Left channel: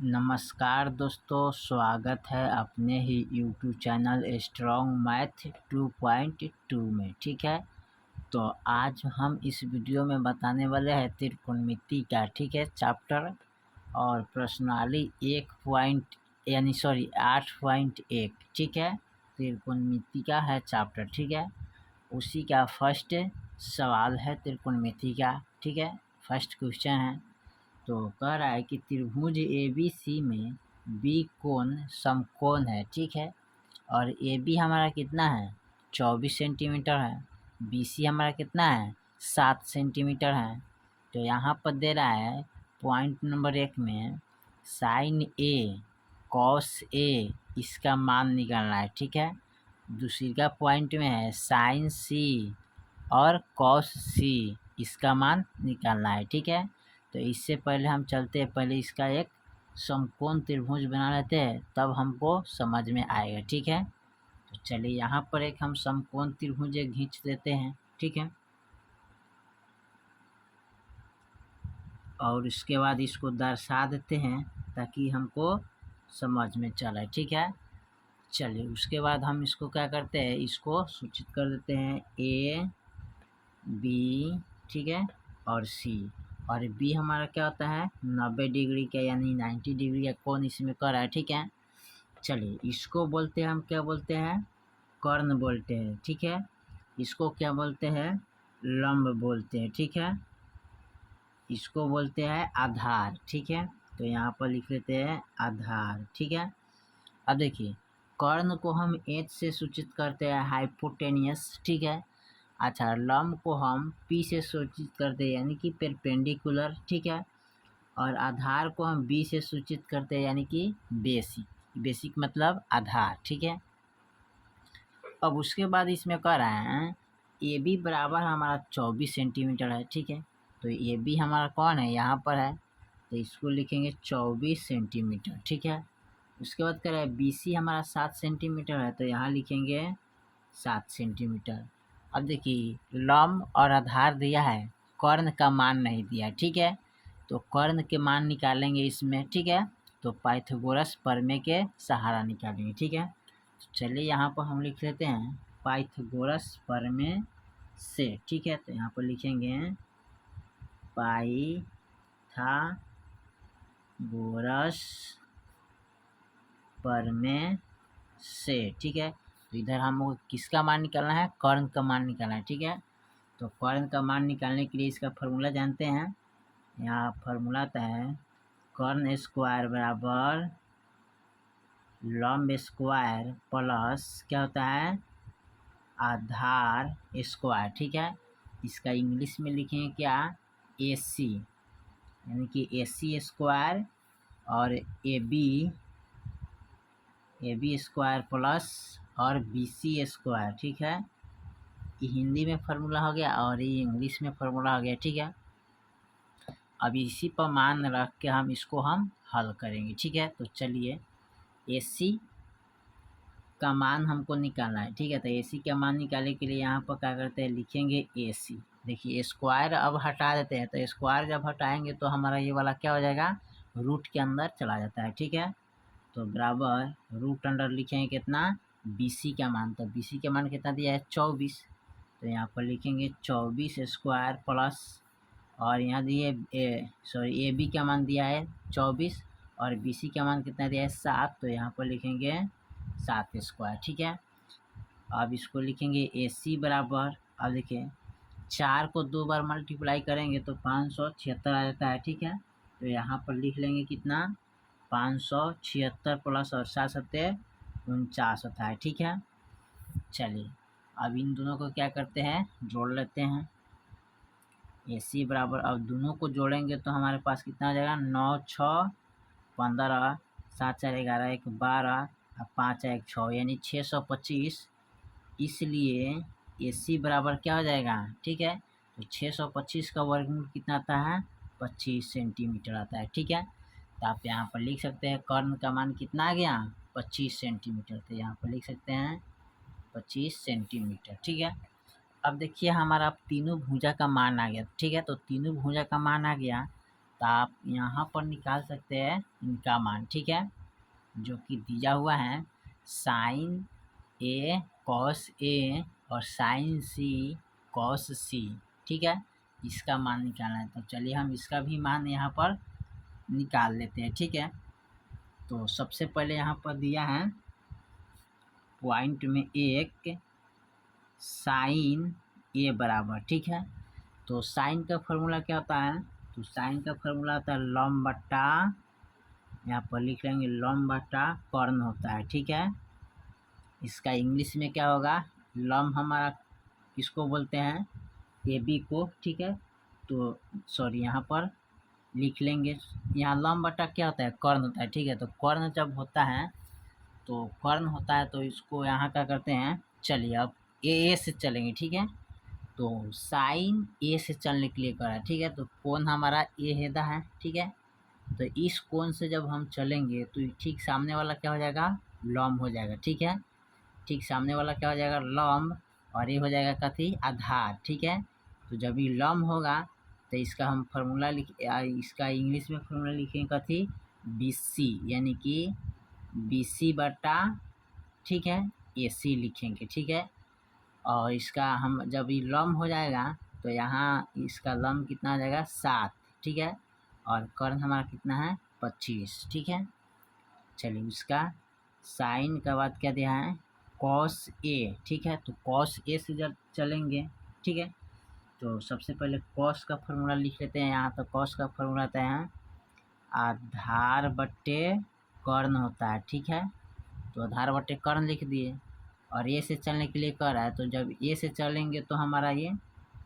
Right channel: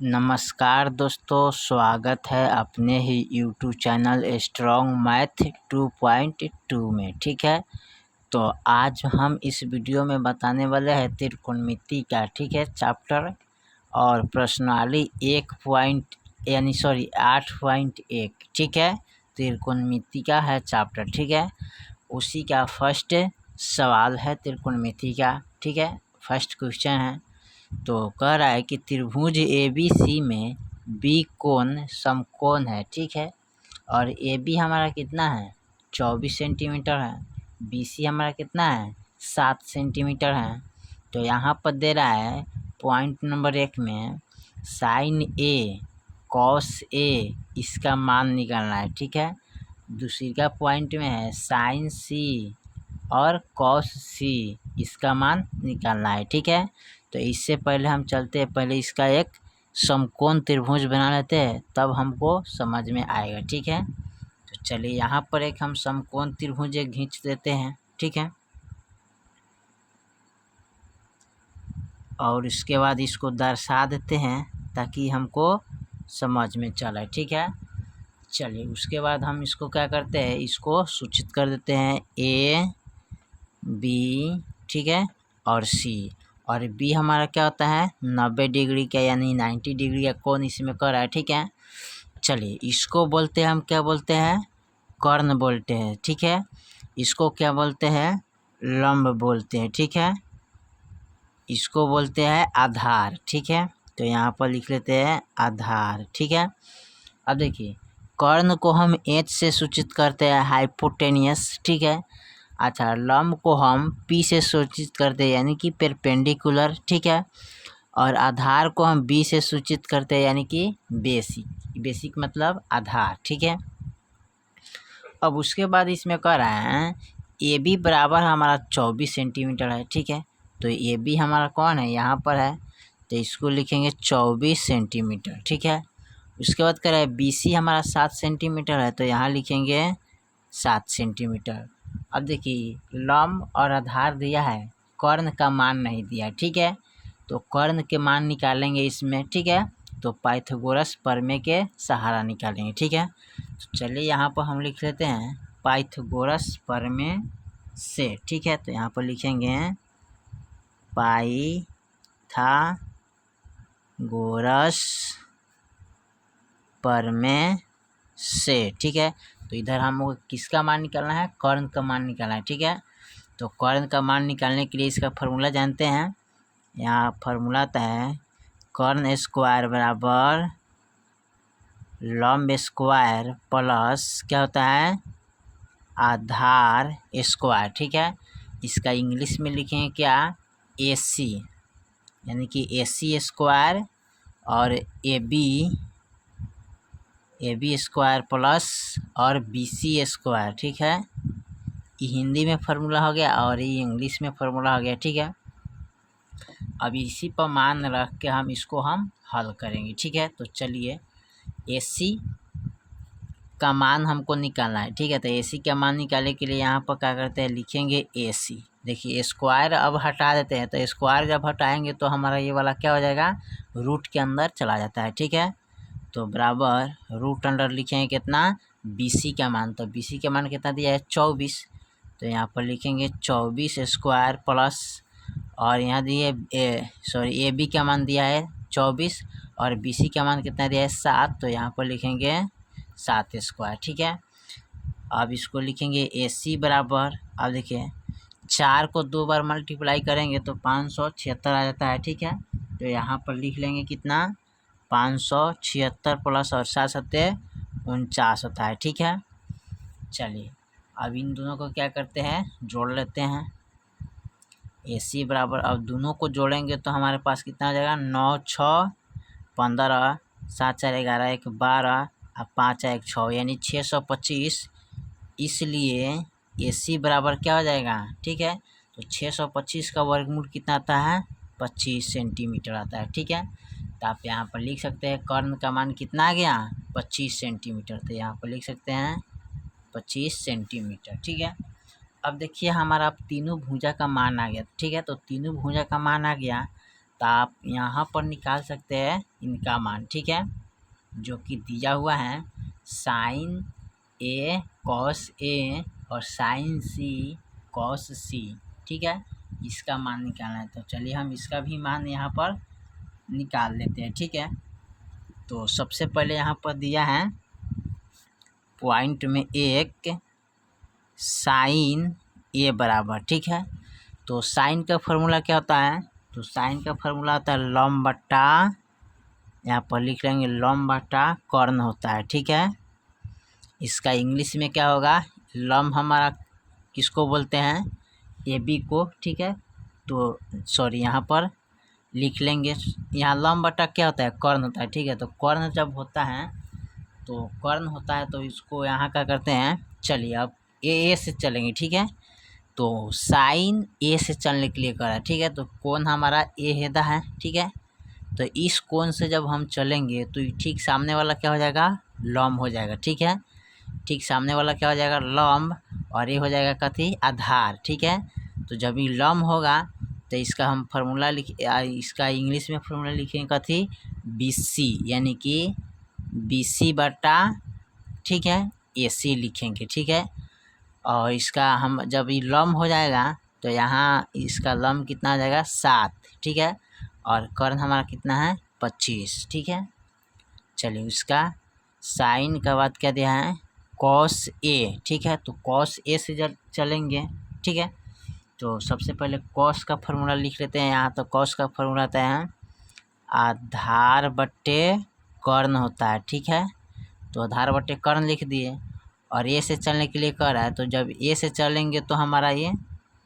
नमस्कार दोस्तों, स्वागत है अपने ही यूट्यूब चैनल स्ट्रॉन्ग मैथ 2.2 में। ठीक है, तो आज हम इस वीडियो में बताने वाले हैं त्रिकोणमिति का, ठीक है, चैप्टर और प्रश्नावली 8.1, ठीक है, त्रिकोणमिति का है चैप्टर। ठीक है, उसी का फर्स्ट सवाल है त्रिकोणमिति का। ठीक है, फर्स्ट क्वेश्चन है। तो कह रहा है कि त्रिभुज ABC में बी कोण समकोण है। ठीक है, और AB हमारा कितना है 24 सेंटीमीटर है, BC हमारा कितना है 7 सेंटीमीटर है। तो यहाँ पर दे रहा है पॉइंट नंबर 1 में साइन A कॉस A इसका मान निकालना है। ठीक है, दूसरी का पॉइंट में है साइन C और कॉस C इसका मान निकालना है। ठीक है, तो इससे पहले हम चलते हैं, पहले इसका एक समकोण त्रिभुज बना लेते हैं, तब हमको समझ में आएगा। ठीक है, तो चलिए यहाँ पर एक हम समकोण त्रिभुज एक खींच देते हैं। ठीक है, और इसके बाद इसको दर्शा देते हैं ताकि हमको समझ में चले। ठीक है, चलिए उसके बाद हम इसको क्या करते हैं, इसको सूचित कर देते हैं A B, ठीक है, और C। और B हमारा क्या होता है 90 डिग्री का, यानी 90 डिग्री का कोण इसमें कर रहा है। ठीक है, चलिए इसको बोलते हैं, हम क्या बोलते हैं, कर्ण बोलते हैं। ठीक है, इसको क्या बोलते हैं, लंब बोलते हैं। ठीक है, इसको बोलते हैं आधार। ठीक है, तो यहाँ पर लिख लेते हैं आधार। ठीक है, अब देखिए कर्ण को हम H से सूचित करते हैं हाइपोटेनियस। ठीक है, अच्छा, लंब को हम P से सूचित करते हैं यानी कि परपेंडिकुलर। ठीक है, और आधार को हम B से सूचित करते हैं यानी कि बेसिक। बेसिक मतलब आधार। ठीक है, अब उसके बाद इसमें कह रहा है AB बराबर हमारा 24 सेंटीमीटर है। ठीक है, तो AB हमारा कौन है, यहाँ पर है, तो इसको लिखेंगे 24 सेंटीमीटर। ठीक है, उसके बाद कह रहा है BC हमारा 7 सेंटीमीटर है, तो यहाँ लिखेंगे 7 सेंटीमीटर। अब देखिए लंब और आधार दिया है, कर्ण का मान नहीं दिया। ठीक है, तो कर्ण के मान निकालेंगे इसमें। ठीक है, तो पाइथागोरस प्रमेय के सहारा निकालेंगे। ठीक है, तो चलिए यहाँ पर हम लिख लेते हैं पाइथागोरस प्रमेय से। ठीक है, तो यहाँ पर लिखेंगे पाइथागोरस प्रमेय से। ठीक है, तो इधर हमको किसका मान निकालना है, कर्ण का मान निकालना है। ठीक है, तो कर्ण का मान निकालने के लिए इसका फार्मूला जानते हैं। यहाँ फार्मूला आता है कर्ण स्क्वायर बराबर लंब स्क्वायर प्लस क्या होता है आधार स्क्वायर। ठीक है, इसका इंग्लिश में लिखेंगे क्या, AC, यानी कि AC स्क्वायर और AB स्क्वायर प्लस और BC स्क्वायर। ठीक है, ये हिंदी में फार्मूला हो गया और ये इंग्लिश में फार्मूला हो गया। ठीक है, अब इसी पर मान रख के हम इसको हम हल करेंगे। ठीक है, तो चलिए AC का मान हमको निकालना है। ठीक है, तो AC का मान निकालने के लिए यहाँ पर क्या करते हैं, लिखेंगे AC। देखिए स्क्वायर अब हटा देते हैं, तो स्क्वायर जब हटाएंगे तो हमारा ये वाला क्या हो जाएगा, रूट के अंदर चला जाता है। ठीक है, तो बराबर रूट अंडर लिखेंगे कितना, BC का मान, तो BC का मान कितना दिया है 24, तो यहाँ पर लिखेंगे 24 स्क्वायर प्लस, और यहाँ दिए AB का मान दिया है 24 और BC का मान कितना दिया है 7, तो यहाँ पर लिखेंगे 7 स्क्वायर। ठीक है, अब इसको लिखेंगे AC बराबर, अब देखिए 4 को 2 बार मल्टीप्लाई करेंगे तो 576 आ जाता है। ठीक है, तो यहाँ पर लिख लेंगे कितना 576 प्लस और 7 सत्ते 49 होता है। ठीक है, चलिए अब इन दोनों को क्या करते हैं, जोड़ लेते हैं। AC बराबर, अब दोनों को जोड़ेंगे तो हमारे पास कितना आ जाएगा 9 6 15, 7 4 11 1 12 और 5 1 6, यानी 625। इसलिए AC बराबर क्या हो जाएगा, ठीक है, तो 625 का वर्गमूल कितना आता है 25 सेंटीमीटर आता है। ठीक है, तो आप यहाँ पर लिख सकते हैं कर्ण का मान कितना आ गया 25 सेंटीमीटर, तो यहाँ पर लिख सकते हैं 25 सेंटीमीटर। ठीक है, अब देखिए हमारा तीनों भुजा का मान आ गया। ठीक है, तो तीनों भुजा का मान आ गया, तो आप यहाँ पर निकाल सकते हैं इनका मान, ठीक है, जो कि दिया हुआ है साइन ए कॉस ए और साइन सी कॉस सी, ठीक है, इसका मान निकालना है। तो चलिए हम इसका भी मान यहाँ पर निकाल लेते हैं, ठीक है। तो सबसे पहले यहाँ पर दिया है पॉइंट में एक साइन ए बराबर, ठीक है। तो साइन का फॉर्मूला क्या होता है, तो साइन का फॉर्मूला होता है लॉम बट्टा, यहाँ पर लिख लेंगे लॉम बट्टा कॉर्न होता है, ठीक है। इसका इंग्लिश में क्या होगा, लॉम हमारा किसको बोलते हैं, ए बी को, ठीक है। तो सॉरी यहाँ पर लिख लेंगे, यहाँ लॉम बट्टा क्या होता है, कॉर्न होता है, ठीक है। तो कॉर्न जब होता है तो कॉर्न होता है तो इसको यहाँ क्या करते हैं, चलिए अब ए से चलेंगे, ठीक है। तो साइन ए से चलने के लिए करा, ठीक है। तो कोण हमारा ए हेदा है, ठीक है। तो इस कोण से जब हम चलेंगे तो ठीक सामने वाला क्या हो जाएगा, लंब हो जाएगा, ठीक है। ठीक सामने वाला क्या हो जाएगा, लंब, और ये हो जाएगा कथी, आधार, ठीक है। तो जब ये लंब होगा तो इसका हम फार्मूला इसका इंग्लिश में फार्मूला लिखेंगे कथी, बी सी, यानी कि बी सी बटा, ठीक है, ए सी लिखेंगे, ठीक है। और इसका हम जब ये लंब हो जाएगा तो यहाँ इसका लंब कितना आ जाएगा 7, ठीक है। और कर्ण हमारा कितना है 25, ठीक है। चलिए उसका साइन का बाद क्या दिया है, कॉस ए, ठीक है। तो कॉस ए से जब चलेंगे, ठीक है, तो सबसे पहले कॉस का फार्मूला लिख लेते हैं यहाँ। तो कॉस का फार्मूला आता है आधार बट्टे कर्ण होता है, ठीक है। तो आधार बट्टे कर्ण लिख दिए, और ए से चलने के लिए कह रहा है, तो जब ए से चलेंगे तो हमारा ये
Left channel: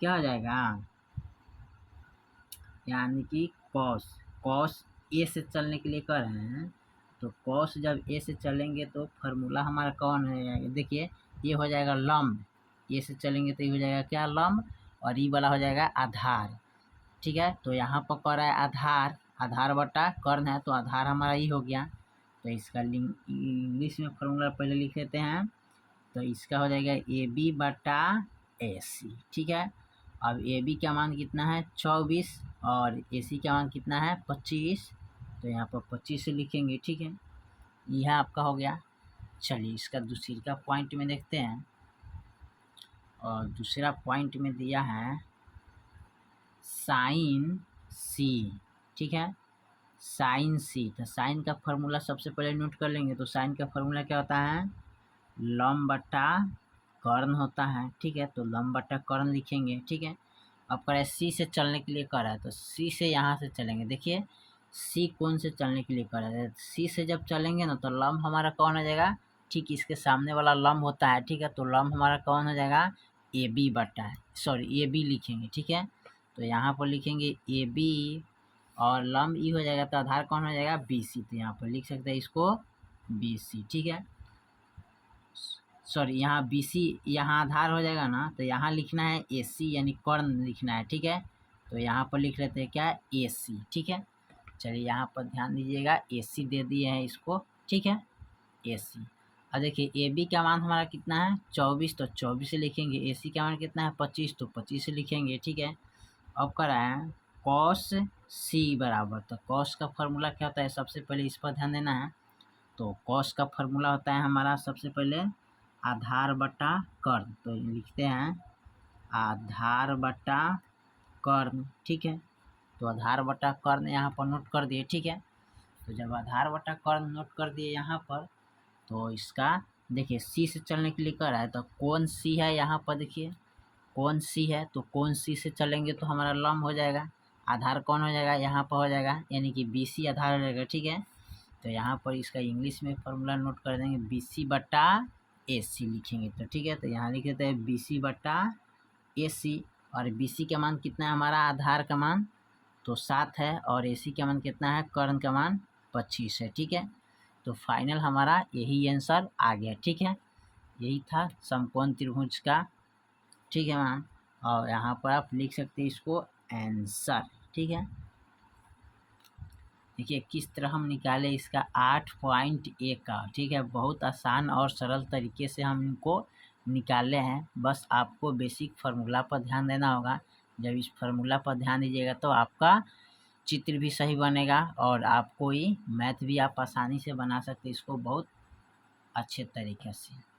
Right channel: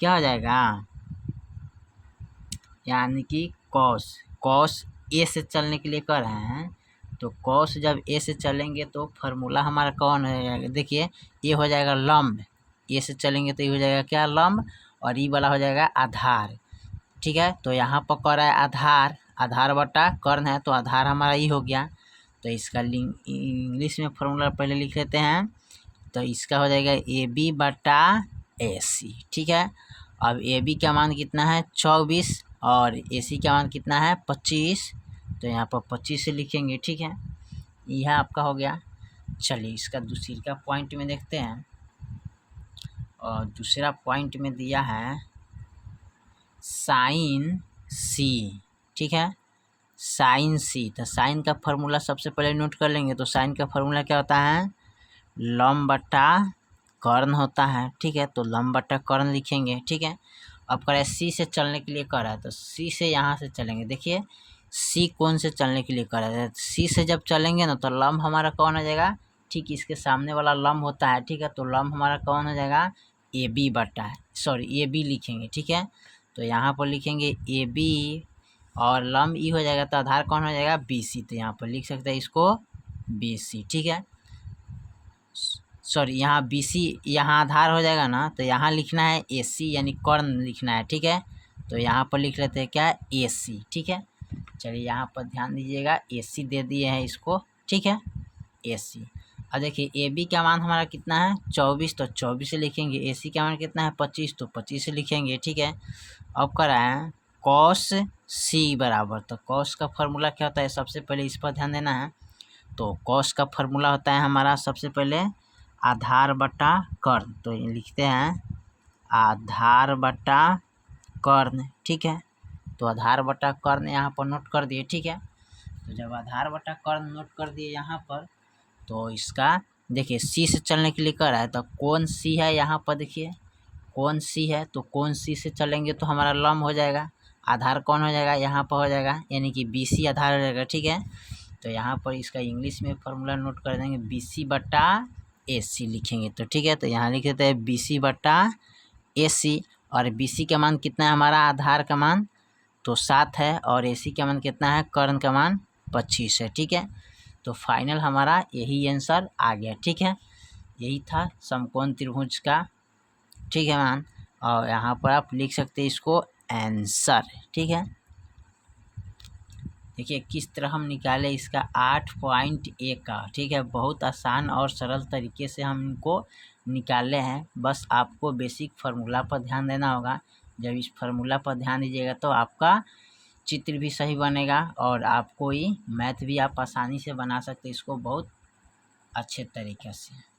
क्या हो जाएगा, यानी कि कॉस ए से चलने के लिए कह रहे हैं। तो कॉस जब ए से चलेंगे तो फार्मूला हमारा कौन हो जाएगा, देखिए ये हो जाएगा लंब, ए से चलेंगे तो ये हो जाएगा क्या, लंब, और ये वाला हो जाएगा आधार, ठीक है। तो यहाँ पर कह रहा है आधार बटा कर्ण है, तो आधार हमारा ये हो गया। तो इसका इंग्लिश में फार्मूला पहले लिख लेते हैं। तो इसका हो जाएगा ए बी बटा ए सी, ठीक है। अब ए बी का मान कितना है 24 और ए सी का मान कितना है 25, तो यहाँ पर 25 से लिखेंगे, ठीक है। यह आपका हो गया। चलिए इसका दूसरी का पॉइंट में देखते हैं, और दूसरा पॉइंट में दिया है साइन सी, ठीक है, साइन सी। तो साइन का फार्मूला सबसे पहले नोट कर लेंगे। तो साइन का फार्मूला क्या होता है, लंब बट्टा कर्ण होता है, ठीक है। तो लंब बट्टा कर्ण लिखेंगे, ठीक है। अब कह रहा है सी से चलने के लिए कह रहा है, तो सी से यहाँ से चलेंगे, देखिए सी कौन से चलने के लिए कह रहा है, सी से जब चलेंगे ना तो लंब हमारा कौन हो जाएगा, ठीक इसके सामने वाला लंब होता है, ठीक है। तो लंब हमारा कौन हो जाएगा, ए बी बट्टा, सॉरी ए बी लिखेंगे, ठीक है। तो यहाँ पर लिखेंगे ए बी और लंब ई हो जाएगा, तो आधार कौन हो जाएगा बी सी। तो यहाँ पर लिख सकते हैं इसको बी सी, ठीक है। सॉरी यहाँ बी सी, यहाँ आधार हो जाएगा ना, तो यहाँ लिखना है ए सी, यानी कर्ण लिखना है, ठीक है। तो यहाँ पर लिख लेते हैं क्या, ए सी, ठीक है। चलिए यहाँ पर ध्यान दीजिएगा, ए सी दे दिए हैं इसको, ठीक है, ए सी। अब देखिए ए बी का मान हमारा कितना है 24, तो 24 से लिखेंगे। ए सी का मान कितना है 25, तो 25 से लिखेंगे, ठीक है। अब कर रहे हैं कॉस सी बराबर, तो कॉस का फार्मूला क्या होता है, सबसे पहले इस पर ध्यान देना है। तो कॉस का फार्मूला होता है हमारा सबसे पहले आधार बटा कर्ण, तो ये लिखते हैं आधार बटा कर्ण, ठीक है। तो आधार बटा कर्ण यहाँ पर नोट कर दिए, ठीक है। तो जब आधार बटा कर्ण नोट कर दिए यहाँ पर, तो इसका देखिए सी से चलने के लिए कर रहा है, तो कौन सी है यहाँ पर, देखिए कौन सी है, तो कौन सी से चलेंगे तो हमारा लंब हो जाएगा, आधार कौन हो जाएगा यहाँ पर हो जाएगा, यानी कि बी सी आधार हो जाएगा, ठीक है। तो यहाँ पर इसका इंग्लिश में फार्मूला नोट कर देंगे, बी सी बटा ए सी लिखेंगे, तो ठीक है। तो यहाँ लिख देते हैं बी सी बटा ए सी, और बी सी का मान कितना है हमारा, आधार का मान तो 7 है, और ए सी का मान कितना है, कर्ण का मान 25 है, ठीक है। तो फाइनल हमारा यही आंसर आ गया, ठीक है। यही था समकोण त्रिभुज का, ठीक है मान, और यहाँ पर आप लिख सकते हैं इसको आंसर, ठीक है। देखिए किस तरह हम निकाले इसका 8.1 का, ठीक है। बहुत आसान और सरल तरीके से हम इनको निकाले हैं, बस आपको बेसिक फार्मूला पर ध्यान देना होगा। जब इस फार्मूला पर ध्यान दीजिएगा तो आपका चित्र भी सही बनेगा और आप कोई मैथ भी आप आसानी से बना सकते इसको बहुत अच्छे तरीके से।